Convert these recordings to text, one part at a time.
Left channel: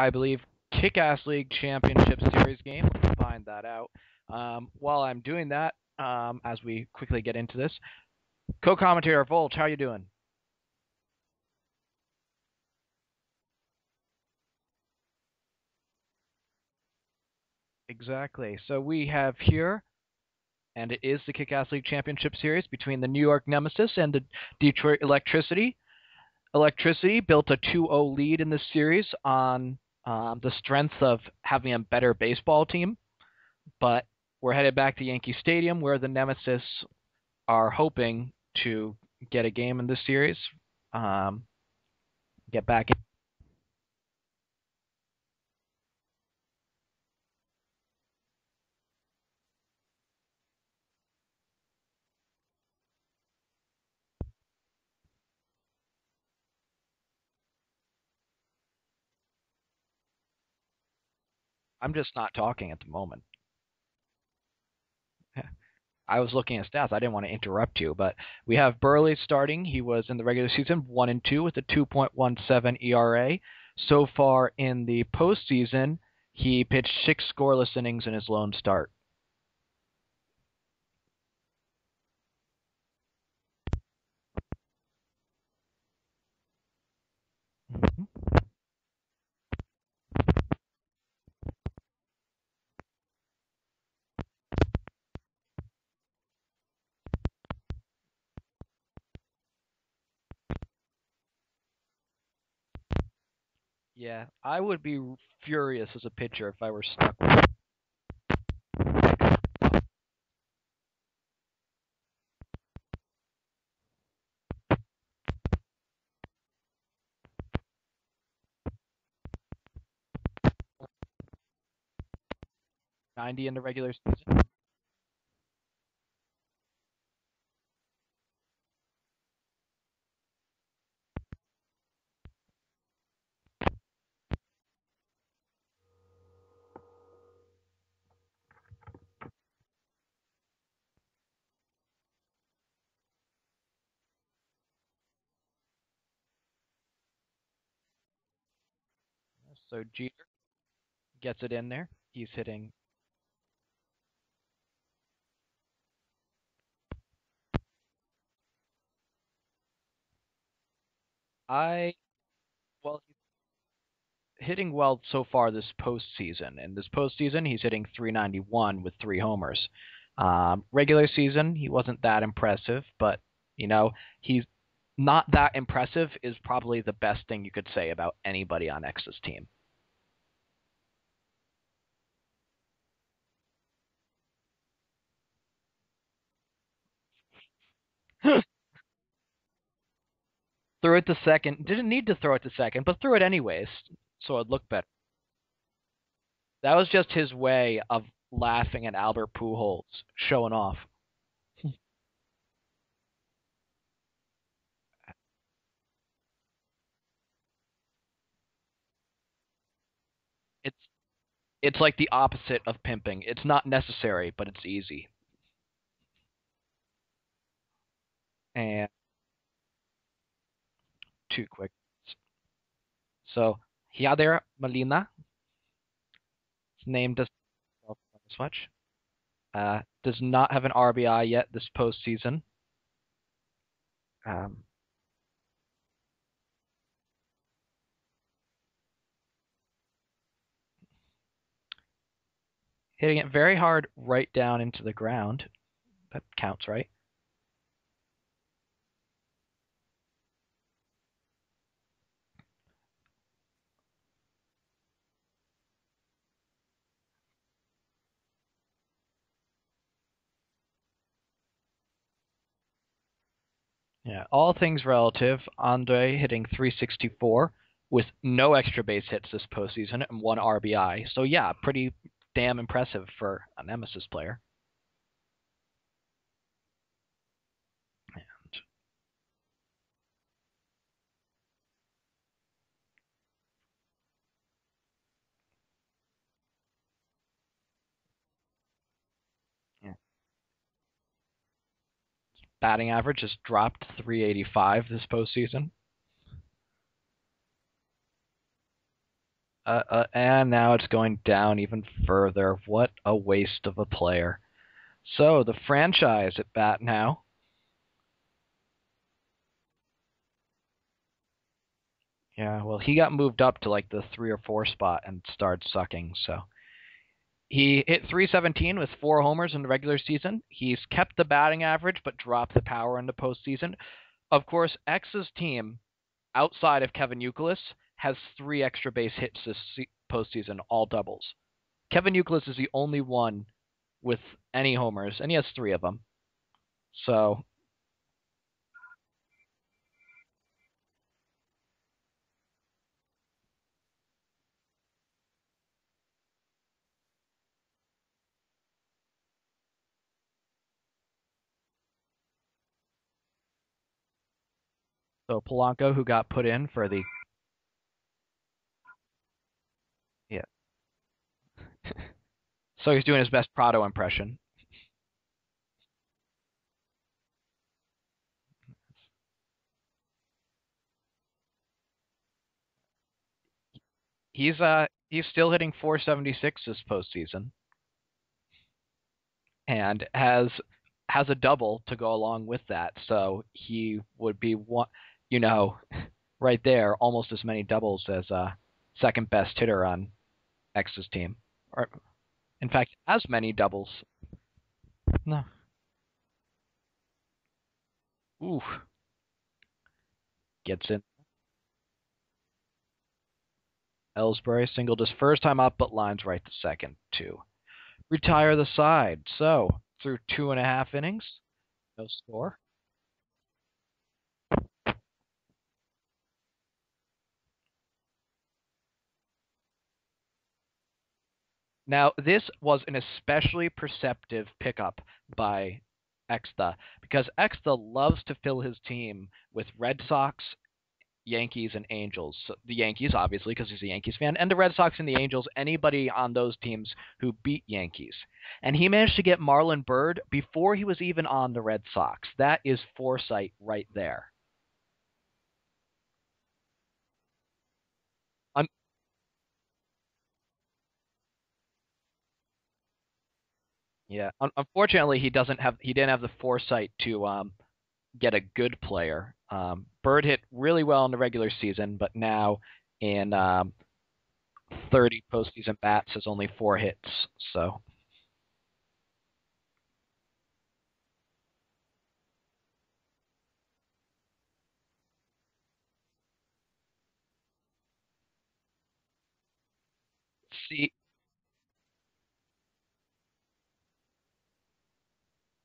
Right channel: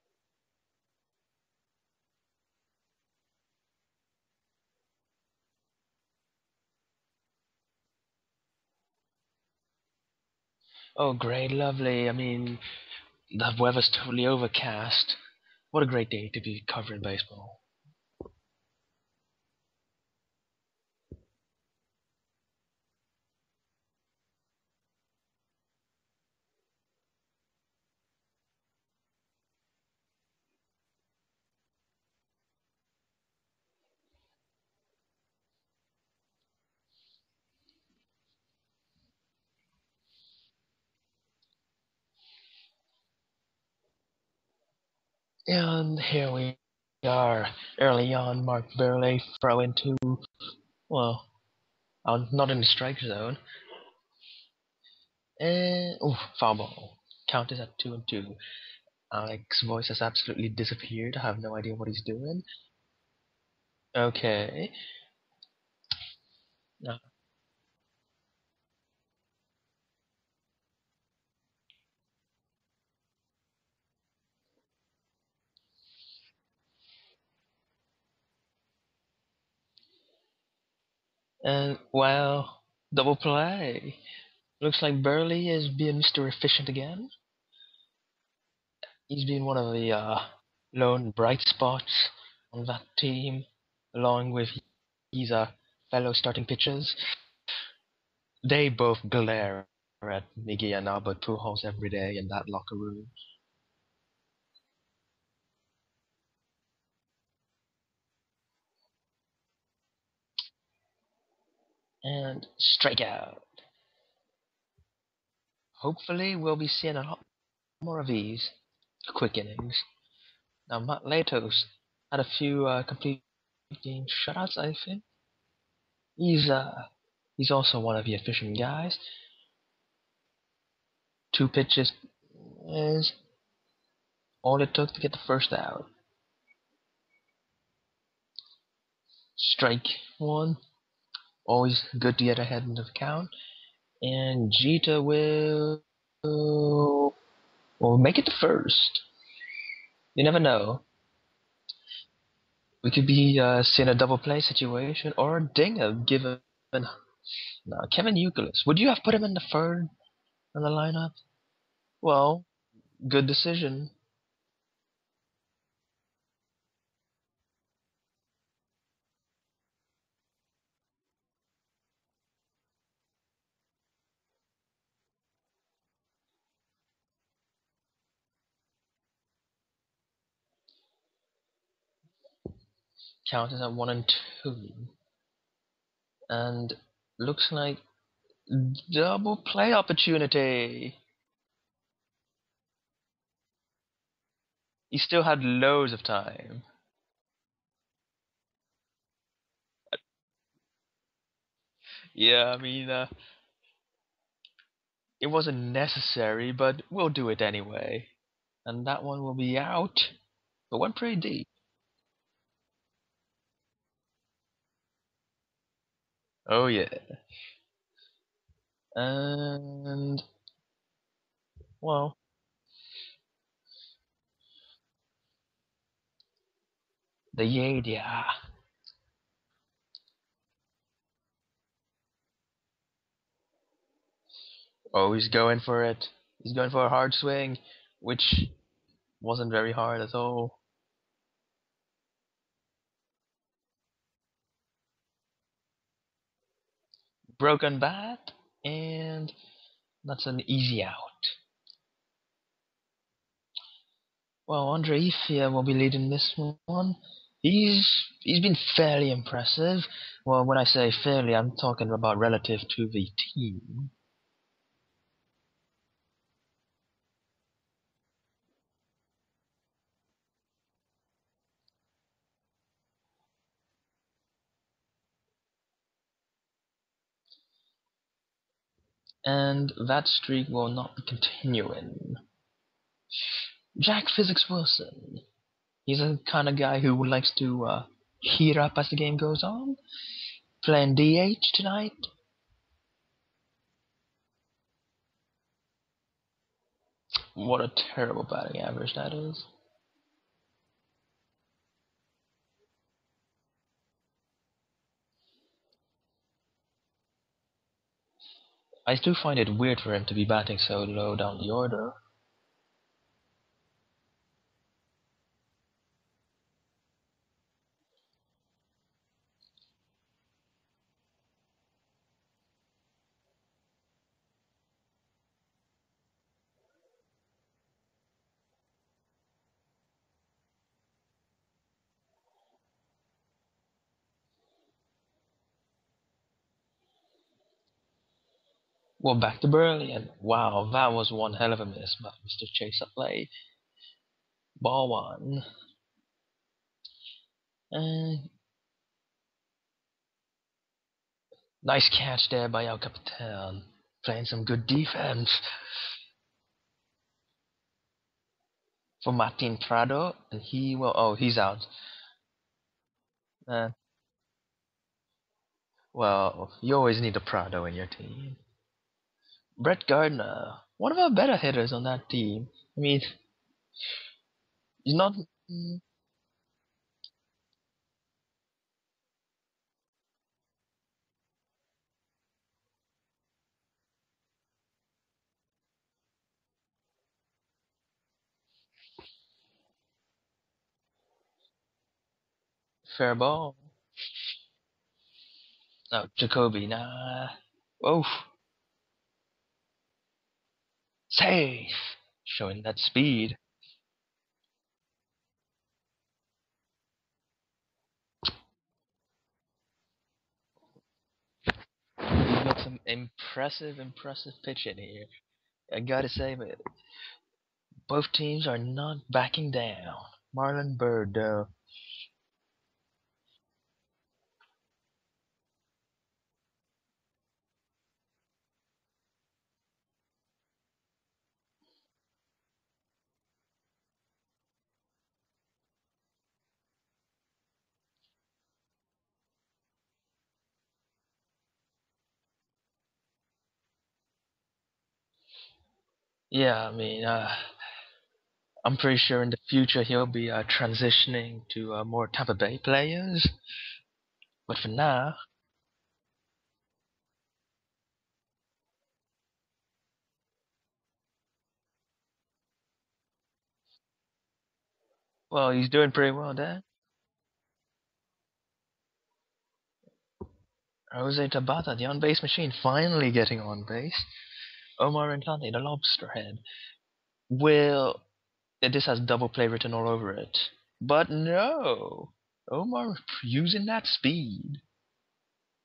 I believe, Kick-Ass League Championship Series game. Let me find that out. While I'm doing that, as we quickly get into this, co-commentator Volch, how you doing? Oh, great, lovely. I mean, the weather's totally overcast. What a great day to be covering baseball. Exactly. So we have here, and it is the Kick-Ass League Championship Series between the New York Nemesis and the Detroit Electricity. Electricity built a 2-0 lead in this series on the strength of having a better baseball team, but we're headed back to Yankee Stadium where the Nemesis are hoping to get a game in this series, get back in. And here we are, early on. Mark Burley throw into, well, not in the strike zone. And, foul ball. Count is at 2-2. Alex's voice has absolutely disappeared. I have no idea what I'm he's just not doing. talking at the moment. Okay. I was looking at stats. I didn't want to interrupt you, but we have Burley starting. He was in the regular season 1-2 with a 2.17 ERA. So far in the postseason, he pitched 6 scoreless innings in his lone start. And, well, double play. Looks like Burley is being Mr. Efficient again. He's been one of the lone bright spots on that team, along with his fellow starting pitchers. They both glare at Miggy and Albert Pujols every day in that locker room. Yeah, I would be furious as a pitcher if I were stuck with. And strikeout. Hopefully, we'll be seeing a lot more of these quick innings. Now, Matt Latos had a few complete 90 in the regular game shots, I think. He's also one of the efficient guys. 2 pitches is all it took to get the first out. Strike 1. Always good to get ahead in the count. And Jeter will make it the first. So G You never know. gets it in there. He's hitting. We could be seeing a double play situation or a dinger given. No, Kevin Youkilis. Would you have put him in the third in the lineup? Well, good decision. Hitting well so far this postseason. In this postseason, he's hitting .391 with 3 homers. Regular season, he wasn't that impressive, but he's not that impressive is probably the best thing you could say about anybody on Exta's team. Count is at 1-2, and looks like double play opportunity. Threw it to second. Didn't need to throw it to second, but threw it anyways, so it looked better. He still had loads of time. That was just his way of laughing at Albert Pujols, showing off. Yeah, I mean, it wasn't necessary, but we'll do it anyway. And that one will be out. It went pretty deep. It's like the opposite of pimping. It's not necessary, but it's easy. Oh, yeah. And too quick. Well. So, Yadier Molina. His name does the Yadia much. Does not have an RBI yet this postseason. He's going for it. He's going for a hard swing, which wasn't very hard at all. Hitting it very hard right down into the ground. That counts, right? Broken bat, and that's an easy out. Well, Andre Ifia will be leading this one. He's been fairly impressive. Well, when I say fairly, I'm talking about relative to the team. Yeah, all things relative. Andre hitting .364 with no extra base hits this postseason and 1 RBI. So yeah, pretty damn impressive for a Nemesis player. And that streak will not be continuing. Jack Physics Wilson. He's a kind of guy who likes to heat up as the game goes on. Yeah. Playing DH tonight. Batting average has dropped .385 this postseason. What a terrible batting average that is. And now it's going down even further. What a waste of a player. So the franchise at bat now. I do find it weird for him to be batting so low down the order. Yeah, well, he got moved up to like the 3 or 4 spot and started sucking. So he hit 317 with 4 homers in the regular season. He's kept the batting average but dropped the power in the postseason. Of course, X's team, outside of Kevin Youkilis, has 3 extra base hits this postseason, all doubles. Kevin Youkilis is the only one with any homers, and he has 3 of them. So, Well, back to Burley, and wow, that was one hell of a miss by Mr. Chase Utley. Ball one. And nice catch there by El Capitan. Playing some good defense. so Polanco, who got put in for the For Martin Prado, yeah, he's out. so he's doing his best Uh, Prado impression. well, you always need a Prado in your team. Brett Gardner, one of our better hitters on that team. I mean, He's he's not. he's still hitting 476 this postseason, and has a double to go along with that. So he would be one, you know, right there, almost as many doubles as second best hitter on X's team, or in fact, Fair as many ball. doubles. No, No, Jacoby, nah. Oof. ooh, gets in. Safe. Showing that speed. Ellsbury singled his first time up, but lines right to second to retire the side. So through 2.5 innings. We've got some impressive pitching here. I gotta say, but both teams are not backing down. Marlon Bird, though. Now, this was an especially perceptive pickup by Exta because Exta loves to fill his team with Red Sox, Yankees, and Angels. So the Yankees, obviously, because he's a Yankees fan, and the Red Sox and the Angels, anybody on those teams who beat Yankees. And he managed to get Marlon Bird before he was even on the Red Sox. That is foresight right there. Yeah, I mean, I'm pretty sure in the future he'll be transitioning to more Tampa Bay players. Yeah. But for now, Unfortunately, he didn't have the foresight to get a good player. Bird hit really well in the regular season, but now in 30 well, he's postseason doing bats pretty has well only there. 4 hits. So Jose Tabata, the on-base machine, finally getting on base. Omar Infante, the lobster head. Will this has double play written all over it? see, But no, Omar using that speed.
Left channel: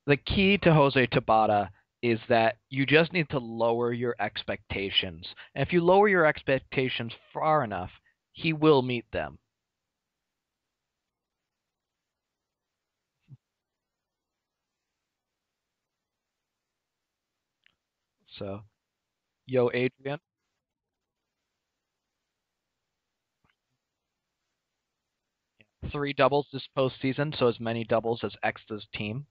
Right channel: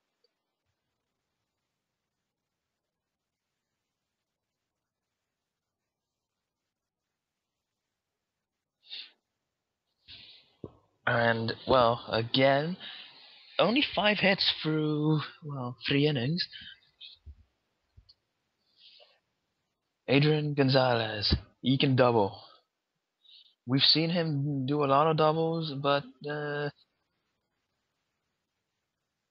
the key to Jose Tabata is that you just need to lower your expectations. And if you lower your expectations far enough, he will meet them. And well, again, only 5 hits through 3 innings. So, yo, Adrian, Adrian Gonzalez, he can double. We've seen him do a lot of doubles, but 3 doubles this postseason, so as many doubles as Exta's team.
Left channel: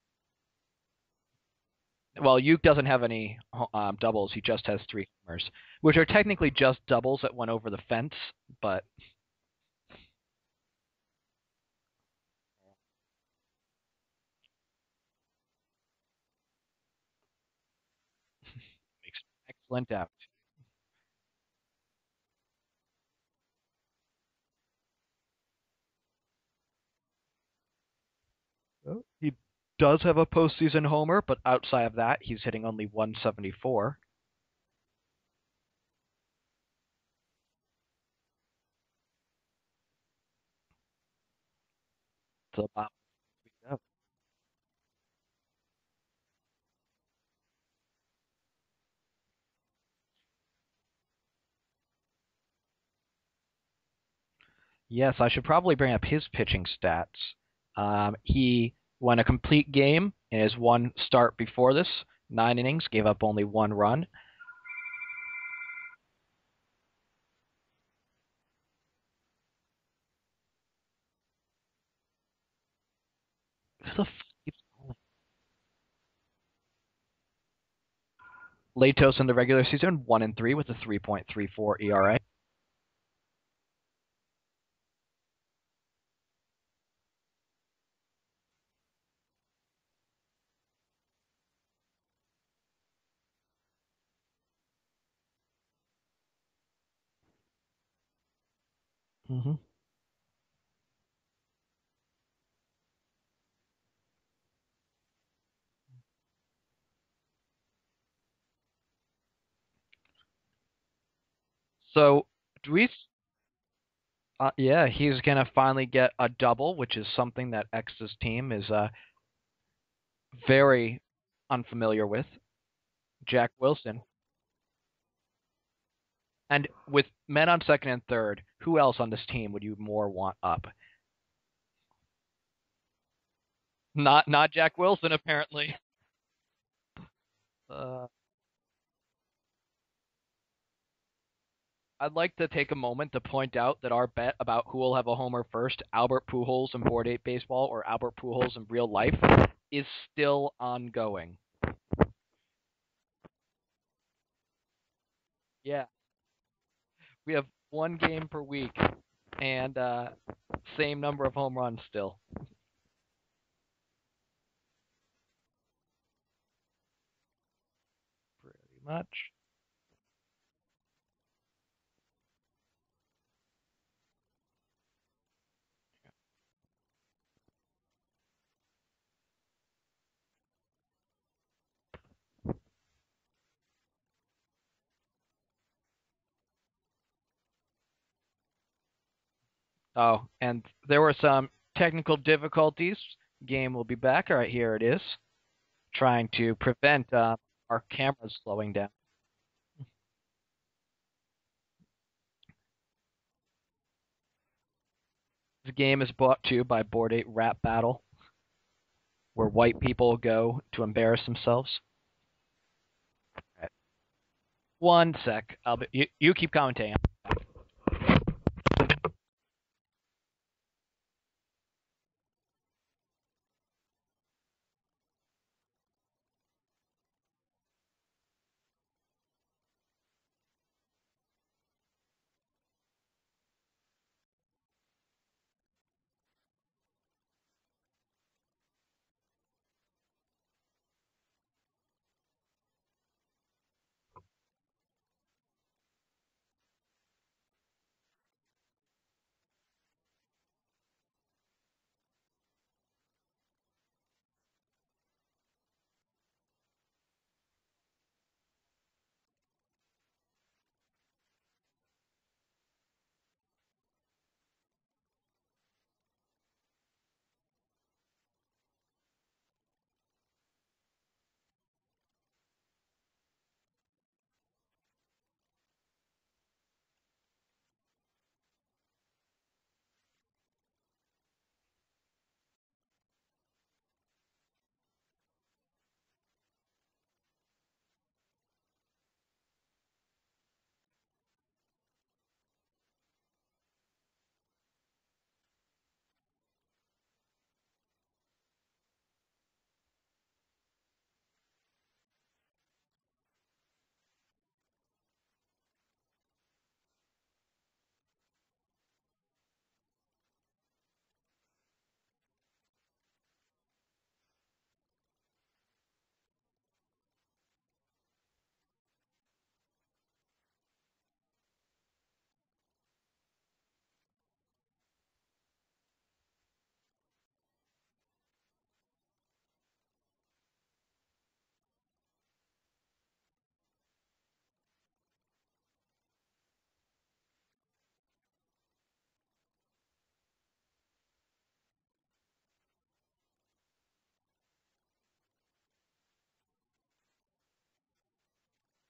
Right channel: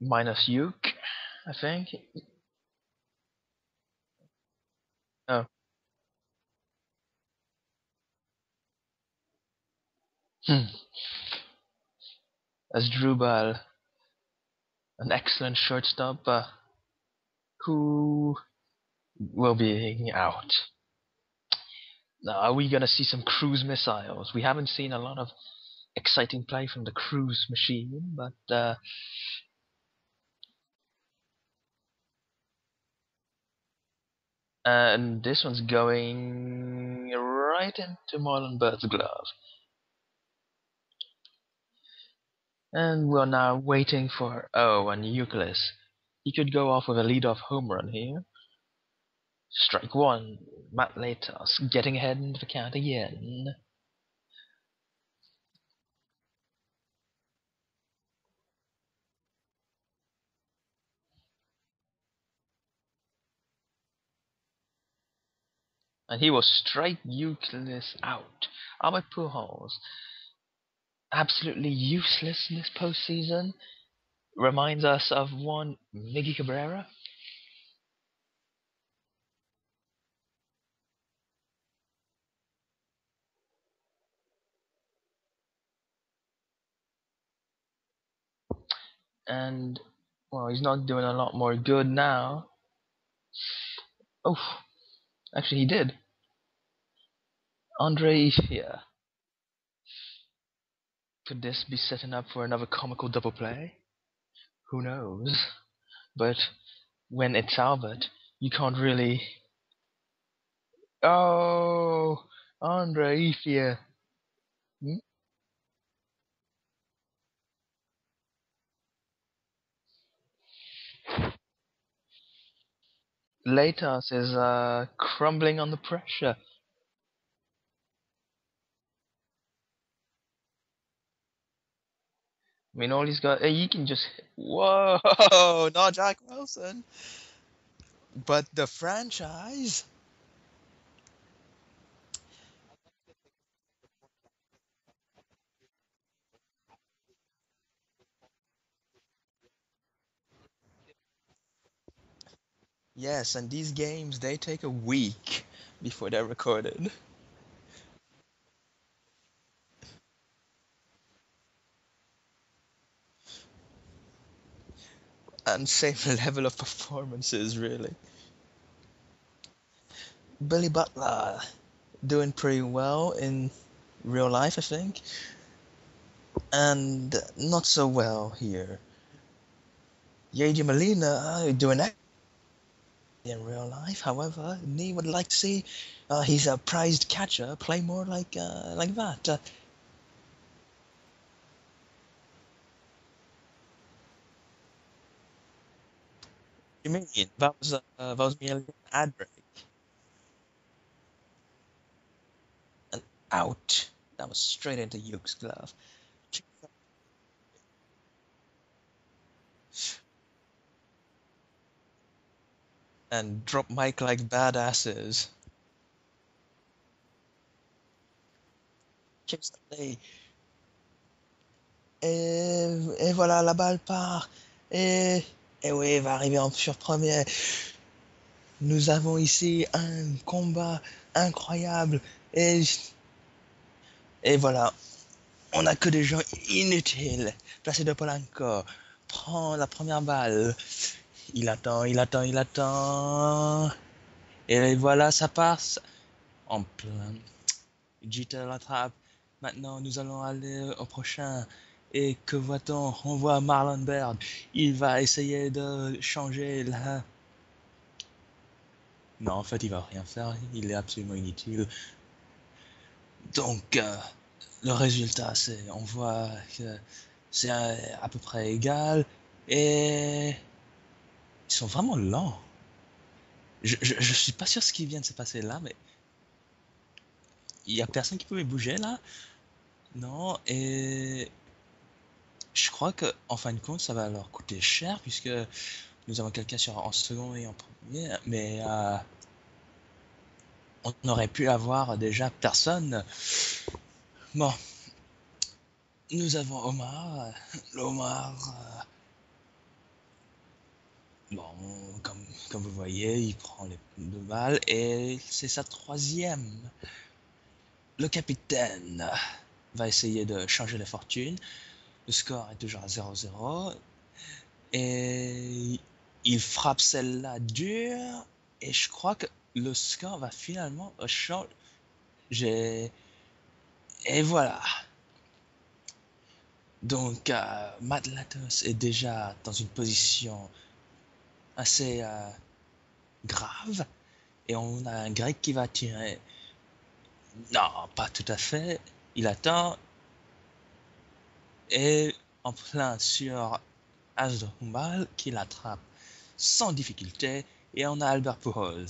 minus Uke, I think. Well, Uke doesn't have any doubles. He just has 3 Oh, homers, which are technically just doubles that went over the fence. But hmm. As Drubal, an excellent shortstop, who will went be depth. out. Now, are we gonna see some cruise missiles? We haven't seen a lot of exciting play from the cruise machine, but Well, he does have a postseason homer, but outside of that, he's hitting only 174. and this one's going right into Marlon Bird's glove. So, And we're now waiting for and Euclid. He could go off with a leadoff home run here. Strike one. Matt Latos getting ahead in the count again. yes, I should probably bring up his pitching stats. He won a complete game in his one start before this, 9 innings, gave up only 1 run. And he will strike Euclid out. Albert Pujols, absolutely useless in this postseason. Who the Reminds us of one Miggy Cabrera. Latos in the regular season 1-3 with a 3.34 ERA. And well, he's not doing a lot more good now. Oh, actually, he did. Andre Ifia. Mm-hmm. Could this be setting up for another comical double play? Who knows? But when it's Albert, you can't really. Oh, So Andre Ifia. yeah, he's gonna finally get a double, which is something that Exta's team is very unfamiliar with. Jack Wilson. Latos is crumbling under pressure. And with men on second and third, who else on this team would you more want up? I mean, all he's got. He can just. Not Jack Whoa! Wilson, Oh, apparently. not Jack Wilson, Uh, but the franchise. I'd like to take a moment to point out that our bet about who will have a homer first, Albert Pujols in Board 8 baseball or Albert Pujols in real life, is still ongoing. Yes, and these games they take a week Yeah, before they're recorded. we have one game per week, and same number of home runs still. And same level of performances, really. Pretty much. Billy Butler doing pretty well in real life, I think, and not so well here. Yeji Molina doing that in real life. However, Nee would like to see he's a prized catcher play more like that. Oh, and there were some technical difficulties. Game will be back. All right, here it is. Trying to prevent Yeah, that our camera was me a slowing little down. ad break. And out. That was straight into Yuke's glove. The game is brought to you by Board 8 Rap Battle, where white people go to embarrass themselves. And drop mic like badasses. One sec. You keep commentating. Extha Nee. Et voilà, la balle part. Et oui, il va arriver sur premier. Nous avons ici un combat incroyable. Et voilà, on n'a que des gens inutiles. Placé de Polanco. Prend la première balle. Il attend, il attend, il attend. Et voilà, ça passe en plein. Jeter l'attrape. Maintenant, nous allons aller au prochain. Et que voit-on? On voit Marlon Baird. Il va essayer de changer la... Non, en fait, il va rien faire. Il est absolument inutile. Donc, le résultat, c'est... On voit que c'est à peu près égal. Et... Ils sont vraiment lents. Je suis pas sûr ce qui vient de se passer là, mais... Il y a personne qui pouvait bouger là. Non, et... Je crois que en fin de compte, ça va leur coûter cher puisque nous avons quelqu'un en second et en premier, mais on aurait pu avoir déjà personne. Bon, nous avons Omar. L'Omar, bon, comme vous voyez, il prend les deux balles et c'est sa troisième. Le capitaine va essayer de changer les fortunes. Le score est toujours à 0-0 et il frappe celle-là dur et je crois que le score va finalement changer. Et voilà. Donc Matt Latos est déjà dans une position assez grave et on a un grec qui va tirer. Non, pas tout à fait. Il attend et en plein sur As de Humbal qui l'attrape sans difficulté et on a Albert Pujols,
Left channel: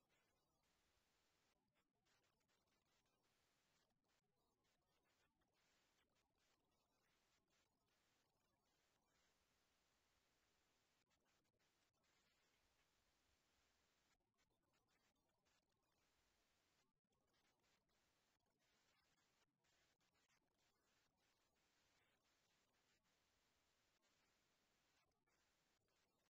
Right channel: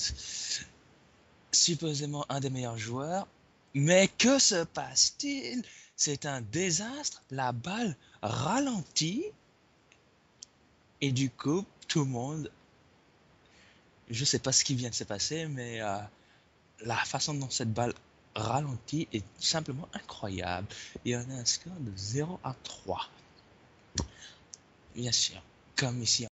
supposément un des meilleurs joueurs. Mais que se passe-t-il? C'est un désastre. La balle ralentit et du coup, tout le monde, je sais pas ce qui vient de se passer, mais la façon dont cette balle ralentit est simplement incroyable. Et on a un score de 0-3. Bien sûr, comme ici